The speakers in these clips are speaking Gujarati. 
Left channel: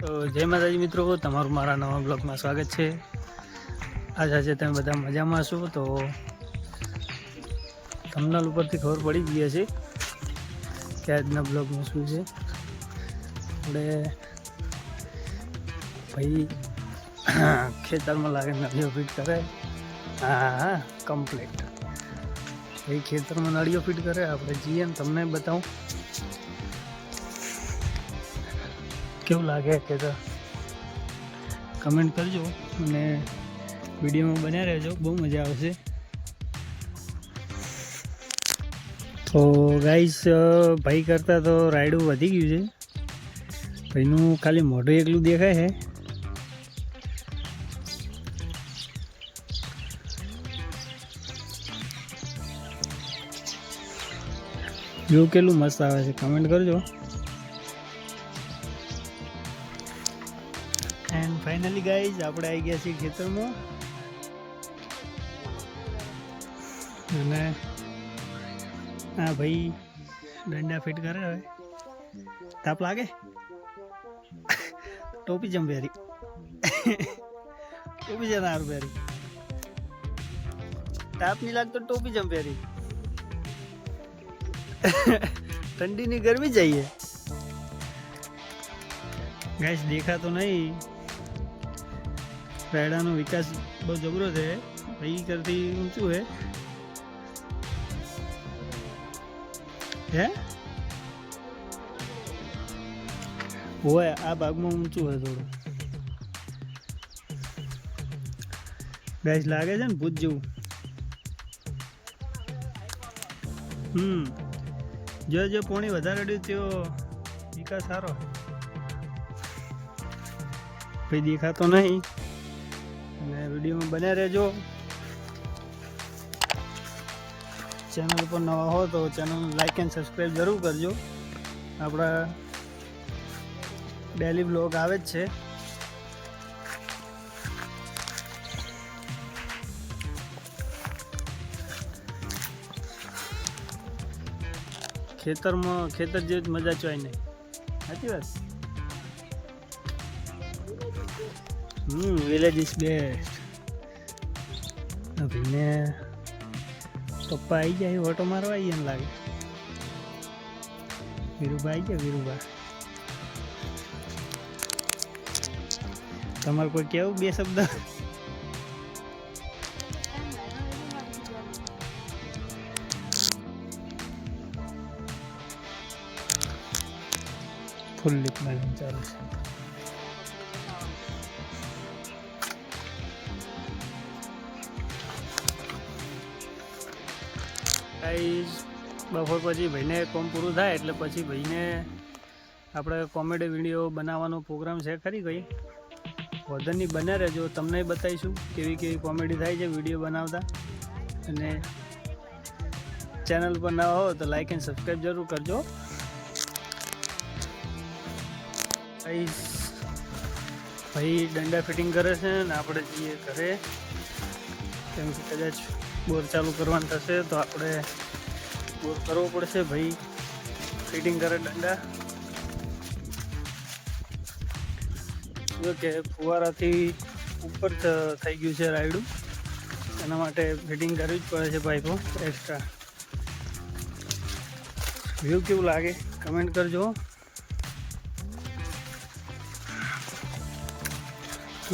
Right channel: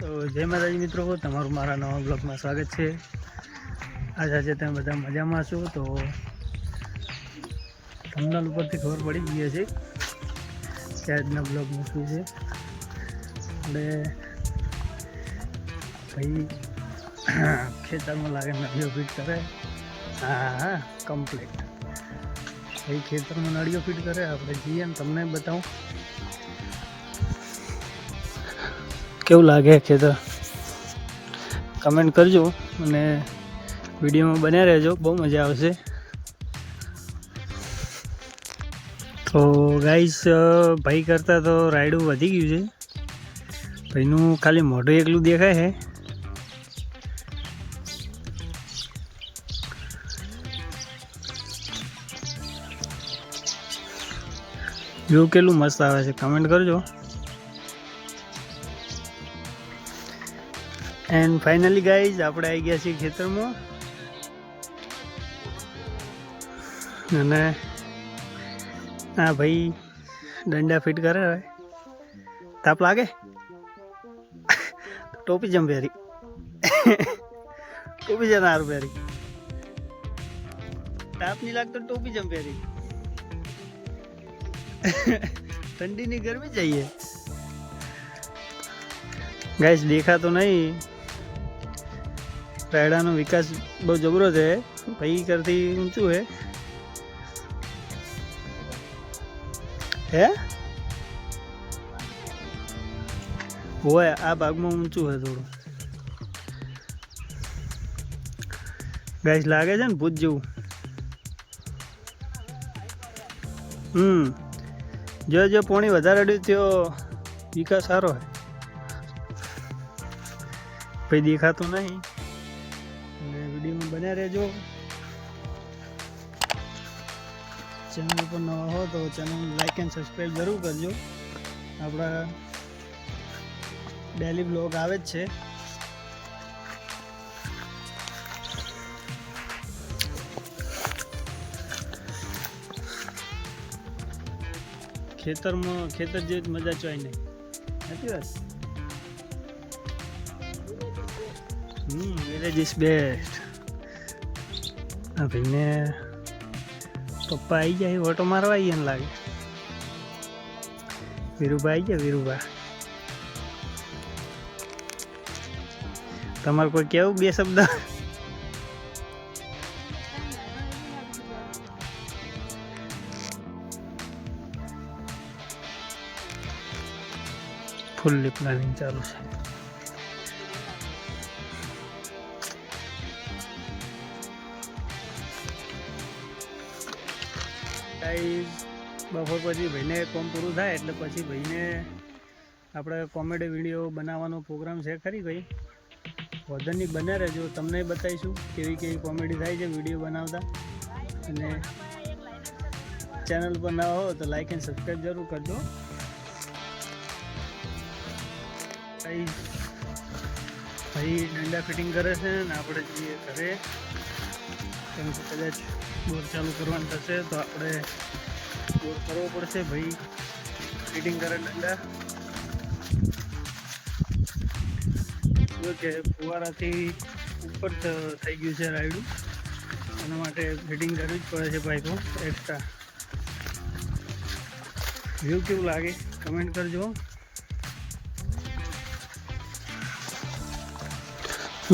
તો જય માતાજી મિત્રો, તમારું મારા નવા બ્લોગમાં સ્વાગત છે। આજે તમે બધા મજામાં છો તો થંબનેલ ઉપરથી ખબર પડી ગઈ છે કે આજના બ્લોગમાં શું છે। આપણે ભાઈ ખેતરમાં લાગે નળીઓ ફિટ કરે। હા કમ્પ્લીટ ભાઈ ખેતરમાં નળીઓ ફિટ કરે। આપણે જઈએ ને તમને બતાવું કેવું લાગે ખેતર, કમેન્ટ કરજો અને વિડીયોમાં બન્યા રહેજો, બહુ મજા આવશે। તો ગાઈસ ભાઈ કરતાં તો રાયડું વધી ગયું છે। ભાઈનું ખાલી મોઢું એકલું દેખાય છે। જો કેટલું મસ્ત આવે છે, કમેન્ટ કરજો। એન્ડ ફાઇનલી ગાઈઝ આપણે આવી ગયા છીએ ખેતરમાં અને હા ભાઈ ડંડા ફિટ કરે। હવે તાપ લાગે ટોપી જમ પહેરી ટોપી જમ સારું પહેરી, તાપ નહીં લાગતો ટોપી જમ પહેરી ठंडी नहीं गर्मी चाहिए। गाइस देखा तो नहीं, रायडाનો વિકાસ બહુ જબરો છે। ભાઈ કરતી ઊંચું है वो है આ ભાગમાં ઊંચું है થોડું। ગાઈસ લાગે છે ને ભૂત જેવું। जो पानी વધારે અડ્યું त्यो વિકાસ સારો है। भाई દેખાતો નહીં અને વિડીયોમાં બન્યા રહેજો। ચેનલ પર નવા હો તો ચેનલ લાઈક એન્ડ સબસ્ક્રાઈબ જરૂર કરજો। આપણા ડેલી બ્લોગ આવે જ છે। ખેતરમાં ખેતર જેવી મજા ચોય નહીં, સાચી વાત। Village is best. ભાઈને પપ્પા આવી જાય ઓટો મારવા આવીએ ને લાગે। વીરુભા આવી ગયા, વીરુભા તમારે કોઈ કેવું બે શબ્દ? ફૂલ્લી પ્લાનિંગ ચાલુ છે। ગાઈસ બપોર પછી ભાઈને કોમ પૂરું થાય એટલે પછી ભાઈને આપણે કોમેડી વિડીયો બનાવવાનો પ્રોગ્રામ છે ખરી ભાઈ। વધરની બન્યા રહેજો, તમને બતાવીશું કેવી કેવી કોમેડી થાય છે વિડીયો બનાવતા। અને ચેનલ પર ના હો તો લાઈક એન્ડ સબસ્ક્રાઈબ જરૂર કરજો। ભાઈ ડંડા ફિટિંગ કરે છે ને આપણે જઈએ ઘરે, કેમ કે કદાચ બોર ચાલુ કરવાનું થશે તો આપણે બોર કરવો પડશે। ભાઈ ફિટિંગ કરે ડંડા, જો કે ફુવારાથી ઉપર થઈ ગયું છે રાયડું, એના માટે ફિટિંગ કરવી જ પડે છે પાઇપો એક્સ્ટ્રા। વ્યૂ કેવું લાગે કમેન્ટ કરજો।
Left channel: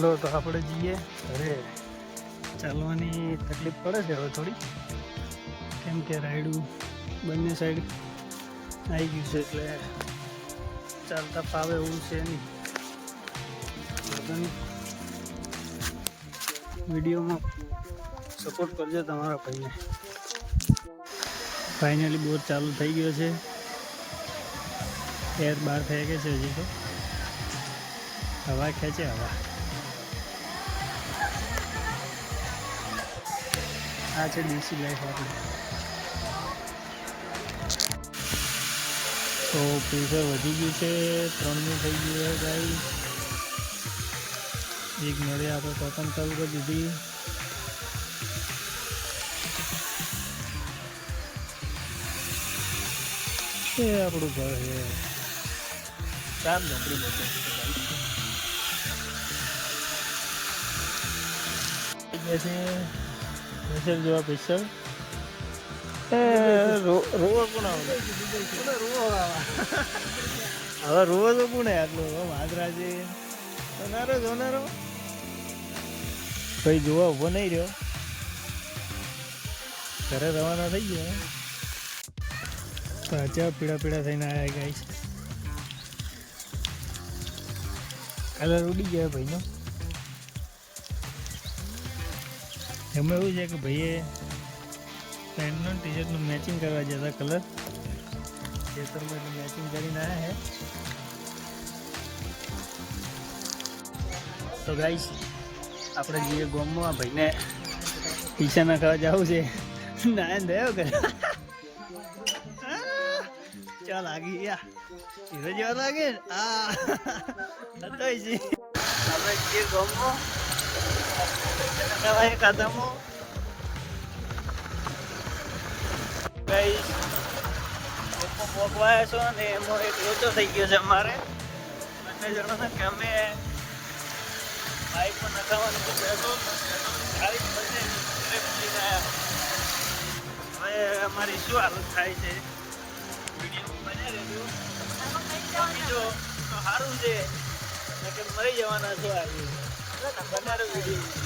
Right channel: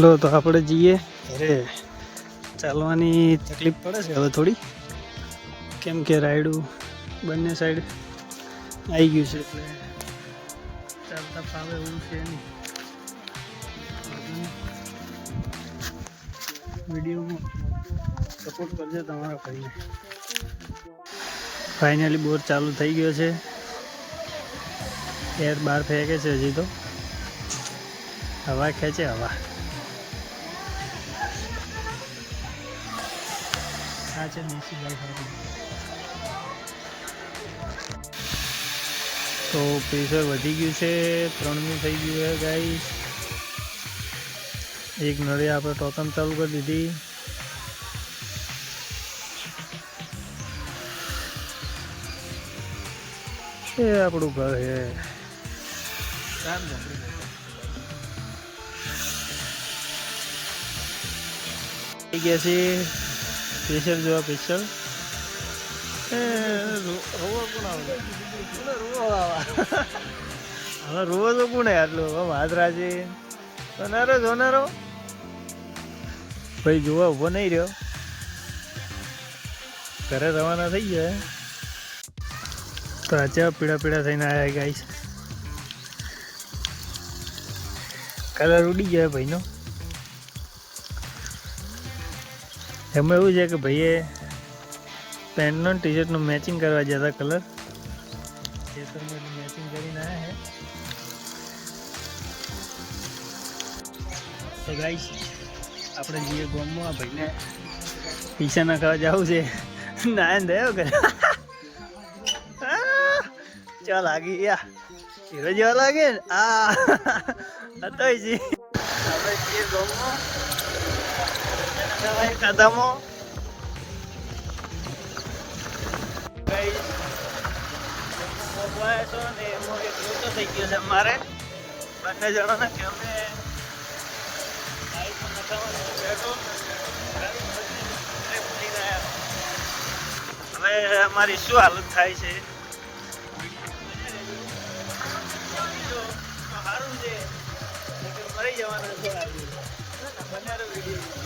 લો તો આપણે જઈએ ઘરે, ચાલવાની તકલીફ પડે છે હવે થોડી, કેમ કે રાયડું બંને સાઈડ આવી ગયું છે એટલે ચાલતા ફાવે એવું છે નહીં। વિડીયોમાં સપોર્ટ કરજો તમારા ભાઈને। ફાઇનલી બોર ચાલુ થઈ ગયો છે, એર બહાર થઈ ગઈ છે, હજી તો હવા ખેંચે હવા। આ છે દેશી લાઈફ આપણી। તો પ્રેશર વધી ગયું છે, 3નું થઈ ગયું છે ગાઈસ। એક નળી આપણે ટોકન ચાલુ કરી દીધી। એ આપણું ઘર છે, 4 ઝોપડી બતાવશે। ગયા છે સ્પેશિયલ જોવા સ્પેશિયલ હવે રોવો તો કોને આટલું માદરા છે સોનારો સોનારો ભાઈ જોવા ઉભો નહીં રહ્યો ઘરે રવાના થઈ ગયા તો આજે પીળા પીળા થઈને આવ્યા ગાઈસ કલર ઉડી ગયો ભાઈનો એમાં એવું છે કે ભાઈએ પેન્ટનો ટી શર્ટનું મેચિંગ કરવા જતા કલર ખેતરમાં એટલે મેચિંગ કરીને આવ્યા છે તો ગાઈસ આપણે જઈએ ગામમાં આ ભાઈને પૈસા નાખવા જવું છે નાયન થયો કે ચા લાગી યા હીરો જેવા લાગે ને આ હતો છે આપણે જઈએ ગામમાં ખાધામાં ગાઈસ મોકવાયા છો ને એમાં એક લોચો થઈ ગયો છે મારે બંને જણાના કે અમે બાઈક પર નખાવાનું છે પેટ્રોલ ગાડી બને ઘરે ભૂલીને આવ્યા હવે અમારી શું હાલત થાય છે બને રહેજો પહોંચી જો તો સારું છે કે મરી જવાના છો આવી બનારો વિડીયો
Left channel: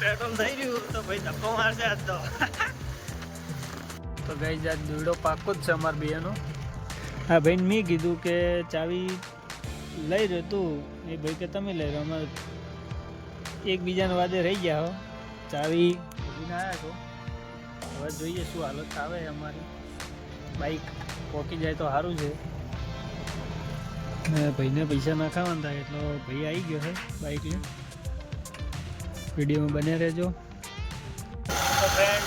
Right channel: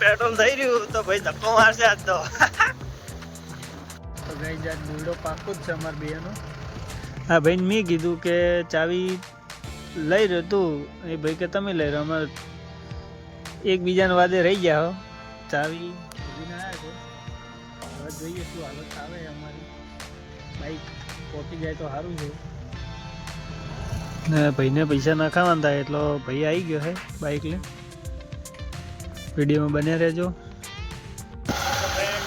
પેટ્રોલ થઈ રહ્યું તો ભાઈ ધક્કો મારશે આજ તો ગાઈસ આજ દોડો પાકો જ છે અમાર બેનો હા ભાઈને મેં કીધું કે ચાવી લઈ રહ્યો તું એ ભાઈ કે તમે લઈ રહ્યો અમે એકબીજાને વાદે રહી ગયા હો ચાવી ભૂલીને આવ્યા છો હવે જોઈએ શું હાલત આવે અમારી બાઈક પહોંચી જાય તો સારું છે ને ભાઈને પૈસા નાખાવાના થાય એટલો ભાઈ આવી ગયો છે બાઈક લઈને વિડીયોમાં બને રહેજો ફ્રેન્ડ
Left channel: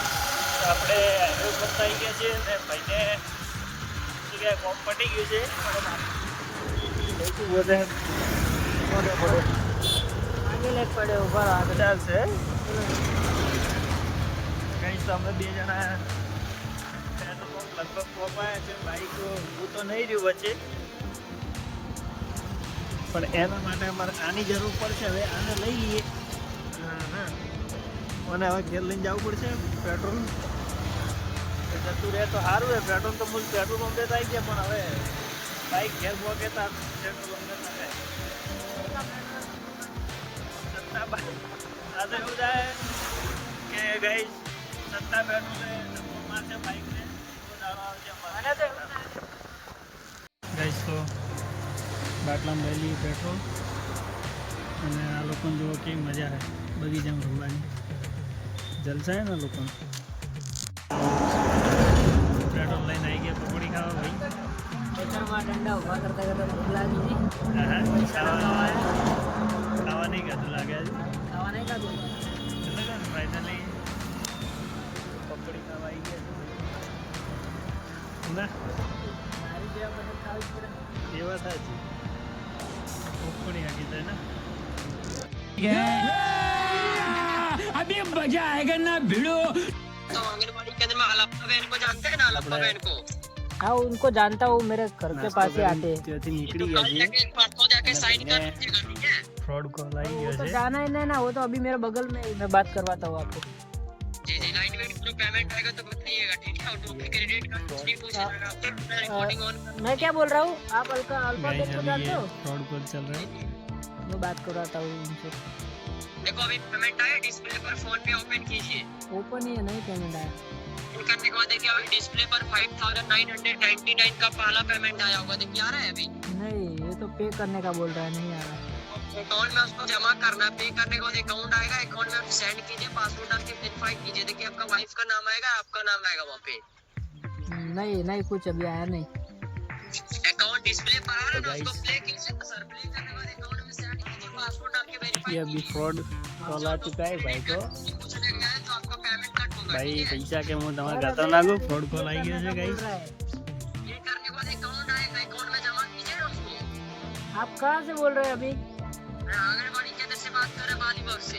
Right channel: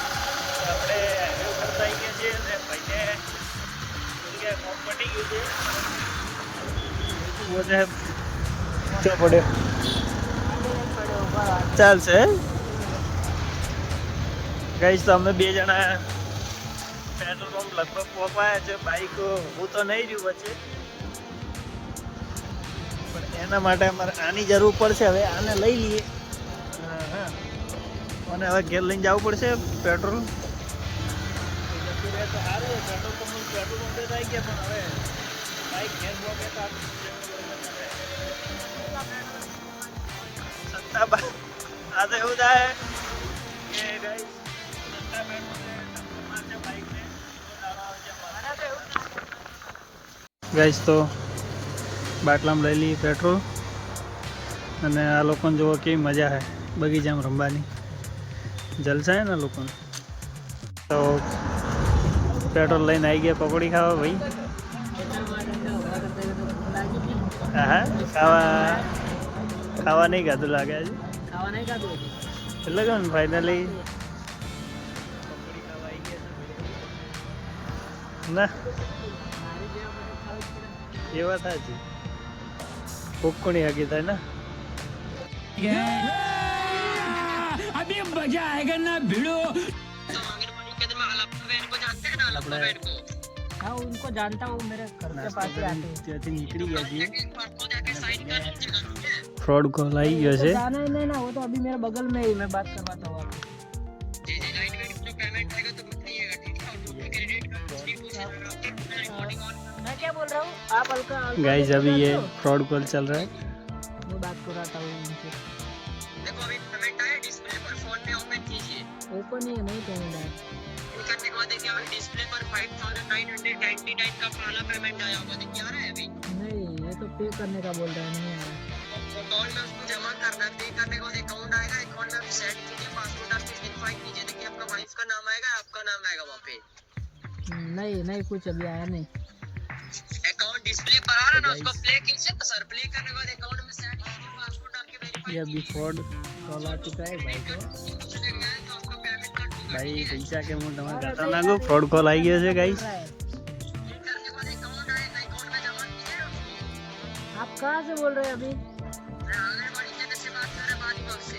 આપણે હાઈવે ઉપર આવી ગયા છીએ અને ભાઈને જગ્યાએ કોમ પટી ગયું છે ચાલશે ગાઈસ તો અમે બે જણા પેટ્રોલ પંપ લગભગ પહોંચાયા છે બાઈક હું તો નહીં રહ્યું વચ્ચે પણ એના માટે અમારે આની જરૂર પડશે હવે આને લઈ લઈએ અને હવે ઘેર લઈને જવું પડશે પેટ્રોલ જતું રહે તો સારું હોય પેટ્રોલ તો મૂળ પેટ્રોલ પંપે આવી ગયા પણ હવે બાઈક ઘેર પહોંચે તો પેટ્રોલ પંપે સત્તા આ તો એવું થાય કે ગઈ સત્તા પેટ્રોલે ધક્કો મારશે બાઈકને રોજ આવા આવશે અમારે ગઈશ તો બાટલામાં લઈ લઈએ પેટ્રોલ અને આ લોકોને જોવો કેવી મજા છે બગીચામાં રમવાની જલસા હે ને લોકોને તો પેટ્રોલ લઈને આવી ગયા પકોડી ખાવા ભાઈ ખેતરમાં ઠંડા ઊભા કરતા કરતા ભૂખ લાગી હતી હા ખાવા નહીં ખાધું લાગે આજે ખાવા નહીં ખાધું એટલે કે ફાઇનલી પકોડી ખાવા આવી ગયા ના મારી જેવા બધું ખાવી પડે એ વાત સાચી ભૂખ કોની હકી થાય ને अभी मजा आएगा ना भिड़ो हाँ उनको जानता हूँ मेरे घर के पास आते हैं निकली गया जी फ्रॉड कॉल आई गया से जाना ही नहीं ना वो तो अभी मेरे बगल में ही मैं बात करवाता हूँ आपको मैं क्या बोल रहा हूँ आप हल्का गाइस अभी ये फ्रॉड कॉल चल रहा है मैं बात करवाता हूँ उनसे देखो अभी पेमेंट आया डिस्प्ले पर फोन पे ओपन कीजिए ओपन ही नहीं पेमेंट आया करने के बाद देखिए अभी डिस्प्ले पर 5999 का पहला पेमेंट आया होगा देखिए आ रहा है अभी नहीं ये तो पे करने का बोल रहा है नहीं आ रहा अकाउंट में उसको जमा करना है पे करने के बाद अकाउंट आएगा अकाउंट में सेंड कीजिए पासवर्ड डाल के वेरीफाई कीजिए देखिए आपका वाइफ का नाम आएगा आपका नाम आएगा वहाँ पे नहीं नहीं कुछ अभी आया नहीं अकाउंट डिस्प्ले पर आ रहा है उसको प्ले कीजिए सर प्ले करने के बाद अकाउंट में सेंड कीजिए पासवर्ड डाल के वेरीफाई ये अभी फ्रॉड कॉल आ चुका है भाई को भाई पैसा के मुंह दमा खाता लागो फ्रॉड कॉल आई गया है गाइस ये करने के बाद अकाउंट आएगा अकाउंट में जमा कीजिए ना उसको आप कहां से बोल रहे हैं अभी मैं आंगनबाड़ी केंद्र से बात कर रहे हैं बालीबाग से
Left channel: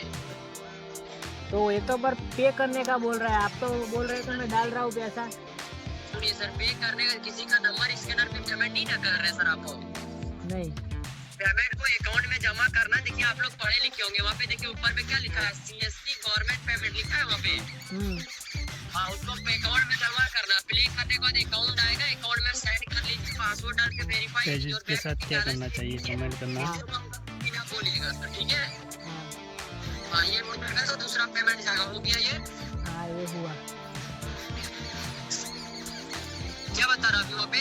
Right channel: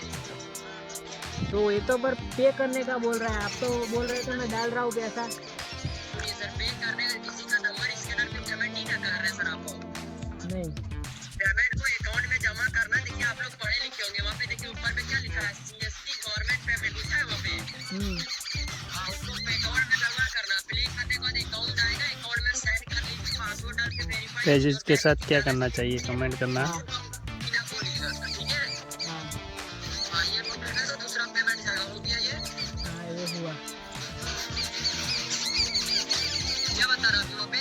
तो ये तो पर पे करने का बोल रहा है आप तो बोल रहे थे मैं डाल रहा हूं पैसा सुनिए सर पे करने का किसी का नंबर स्कैनर पे पेमेंट नहीं ना कर रहे सर आप नहीं पेमेंट को अकाउंट में जमा करना। देखिए आप लोग पढ़े लिखे होंगे, वहाँ पे देखिए ऊपर में क्या लिखा है, CSC गवर्नमेंट पेमेंट लिखा है वहाँ पे। हाँ, उसको अकाउंट में जमा करना। क्लिक करने के बाद अकाउंट आएगा, अकाउंट में सेंड कर लीजिए, पासवर्ड डाल के वेरीफाई। पेजेस के साथ क्या करना चाहिए, कमेंट करना। बोलिएगा सर, ठीक है। हाँ, ये हो गया तो दूसरा पेमेंट जाएगा। हो गया ये? हाँ ये हुआ। क्या बता रहा अभी वहाँ पे?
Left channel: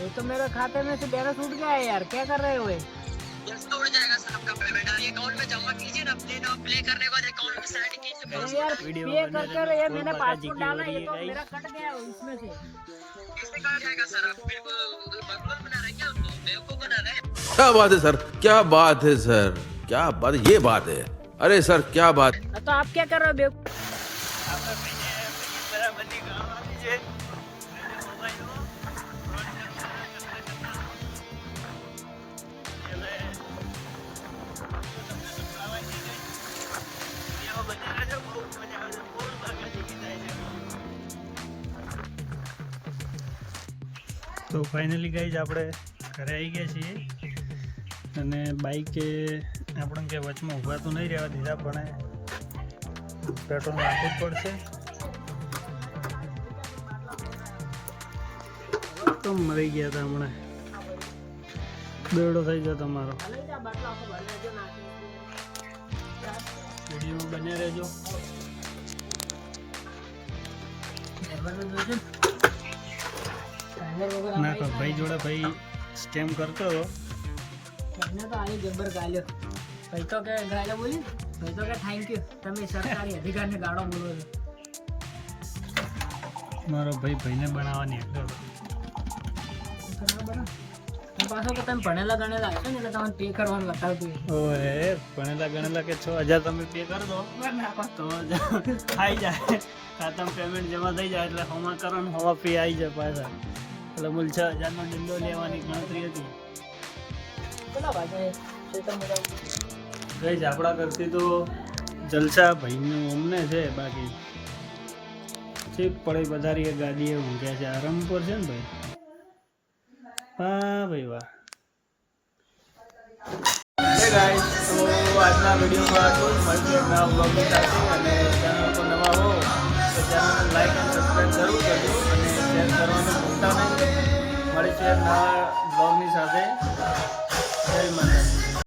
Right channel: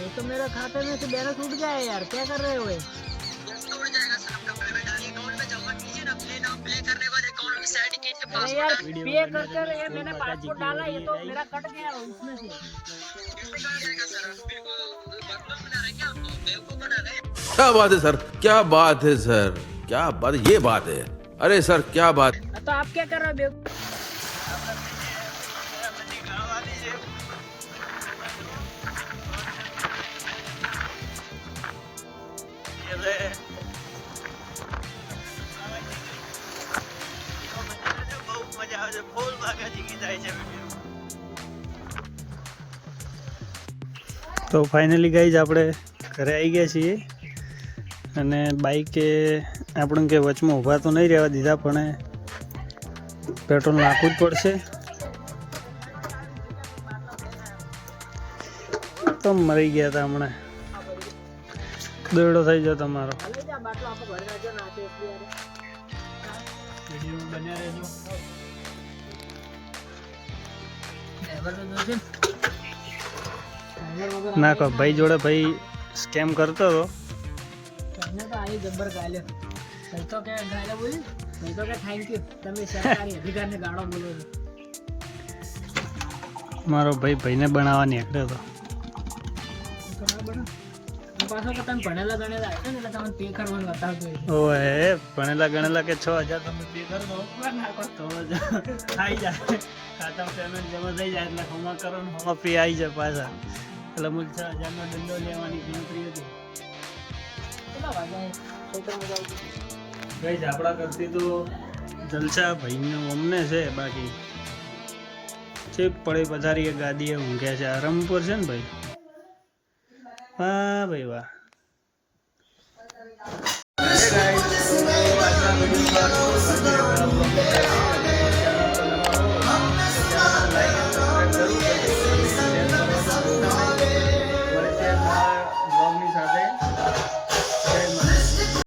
ये तो मेरे खाते में से बैलेंस उठ गया है यार, क्या कर रहे हो ये? उड़ जाएगा सर आपका पेमेंट। आइए अकाउंट में जमा कीजिए ना, अपने नाम प्ले करने के बाद अकाउंट में सेंड कीजिए, अरे पासवर्ड यार वीडियो पे में कर बने कर रहना, ये फूल मैंने बाका जी पासपोर्ट की डाला, हो रही ये है तो गाइस। मेरा कट गया उसमें से। कैसे कहा जाएगा सर? आप बिल्कुल बकवास बना रहे हैं क्या? आपको बेवकूफ बना रहे हैं? क्या बात है सर, क्या बात है सर, क्या बात, ये बात है। अरे सर क्या बात। तो आप क्या कर रहे हो बेवकूफ? તો ફાઇનલી ગાઈઝ આપણે ઘરે આવી ગયા છીએ અને બાઈકે આપણને કે વચમાં ઊભા તો નહીં રહેવા દીધા, પણ પેટ્રોલ નાખવું જ પડશે. તો મરી ગયા હતા હમણાં, દોડો થઈ ગયો તમારો. વિડીયો બન્યા રહેજો. ના કહો ભાઈ જોડે ભાઈ સ્કેમ કરતો હતો. मैंने तो आई गब्बर गाल्यो भाई, तो क्या गाल्यो बोली भाई, तो क्या थैंक यू તમે સરકારી અધિકારીને ગાળો બોલો છો. મારો ભાઈ ભાઈને બનાવવા નીકળ્યો હતો. પાછો કે તમે ભણેલા ગણેલા હશે ને એટલે તમને પે કરવાનું બતાવતું હોય. ઓએ ભણેલા ગણેલા કે 6000 તમે પે કરી દો તો જ આવી જાય, ખાતામાં પેમેન્ટ જમા થઈ જાય એટલે હોમાં કરો ને હોમાં પે આવી જાય પાછા. એટલે મૂળ 6000 નો દંડો લેવાની ગણતરી હતી. કેટલા વાગ્યા ગઈ આપણા કરતી તો જલસા ભાઈનું અમને છે, બાકી ચીપ પડે પધારી ગાદીએ ઊંઘ્યા છે, આરામ પર છે ને ભાઈ. વાહ ભાઈ વાહ. હે ગાઈસ, તો આજના વિડીયોમાં આટલું. મળીએ નવા બ્લોગની સાથે, અને ચેનલ પર નવા હો તો ચેનલને લાઈક અને સબસ્ક્રાઈબ જરૂર કરજો અને શેર કરવાનું ભૂલતા નહીં. મળીએ નવા બ્લોગની સાથે. જય માતાજી.